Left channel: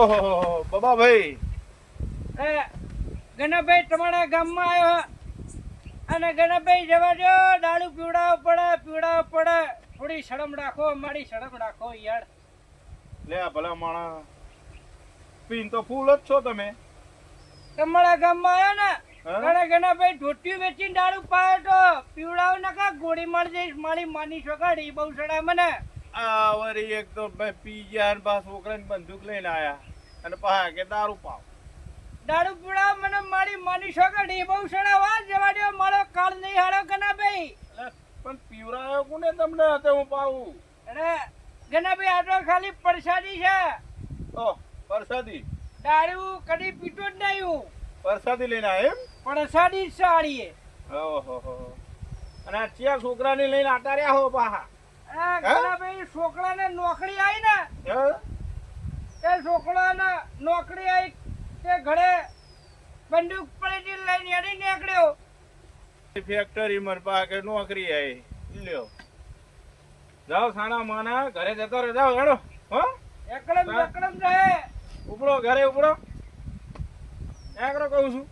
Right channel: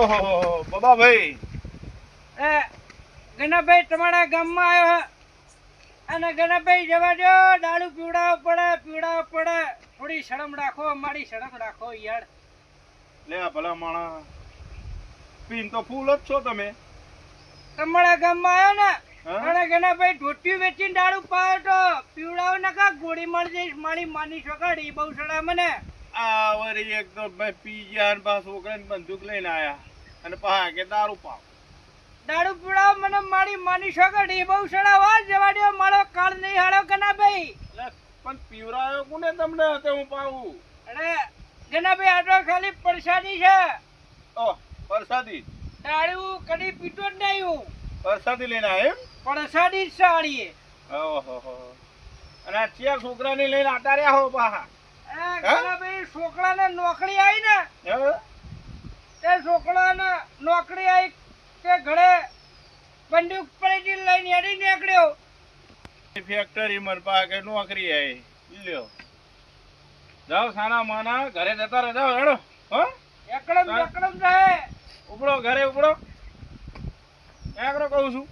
ઓહો બાબા ભાઈ ગણાભાઈ તમારા ગામમાં આવ્યો અને ગણાભાઈ જવા દો. દારૂ પીવડાવ પડે. થોડી શરમ રાખો, મારી શરમ રાખો યાર. લે આ ભલા માણા પીન તો ફૂલ જ છો તમે. તમારા ગામમાં આવ્યો ને હા? અને ગણાભાઈ ધોતિયું વેચીને દારૂ પાયો તો પીવડાવ નકા ગોળી મારી જઈશ. મારી માની છોકરી બહુ સડાય મને. આ વરી એક તો ભાઈ પી ગયા ને પાછું છોકરાને બંદૂક લઈને આયા અને પાછા કે દારૂ પાવ. દારૂ પીવડાવ મને મારી માની છોકરી બહુ સડાવા. જવા દો, મારો કાળ નહીં હારો ગણાભાઈ. લે, પણ પીવરાયો કોને તમને તે હું પાવું? અરે ગણાભાઈ આ તો ખાલી પ્રસાદી છે. ઓ પરસાદી દારૂ કદી પીતો જ નહીં હું. પરસાદી લઈને આયા એમ? પ્રસાદી જ સાડીએ. ઓહો અને આ ચાર છોકરાને લઈને આટા રહ્યા હો પાછા. ગણાભાઈ છોકરાને નોકરી આવી ને હે? તે છોકરાને નોકરી આવી તે ઘરે બંદૂક પડી લઈને હેડી નીકળ્યો. ફેક્ટરી માં પાકે નોકરી આવી લ્યો. જાઓ સાના માના ઘરે જતા રહે. જાઓ હેડો. હો એકડમ રહે. ઉપડો ઘરે ઉપડો. એકડો કહું છું.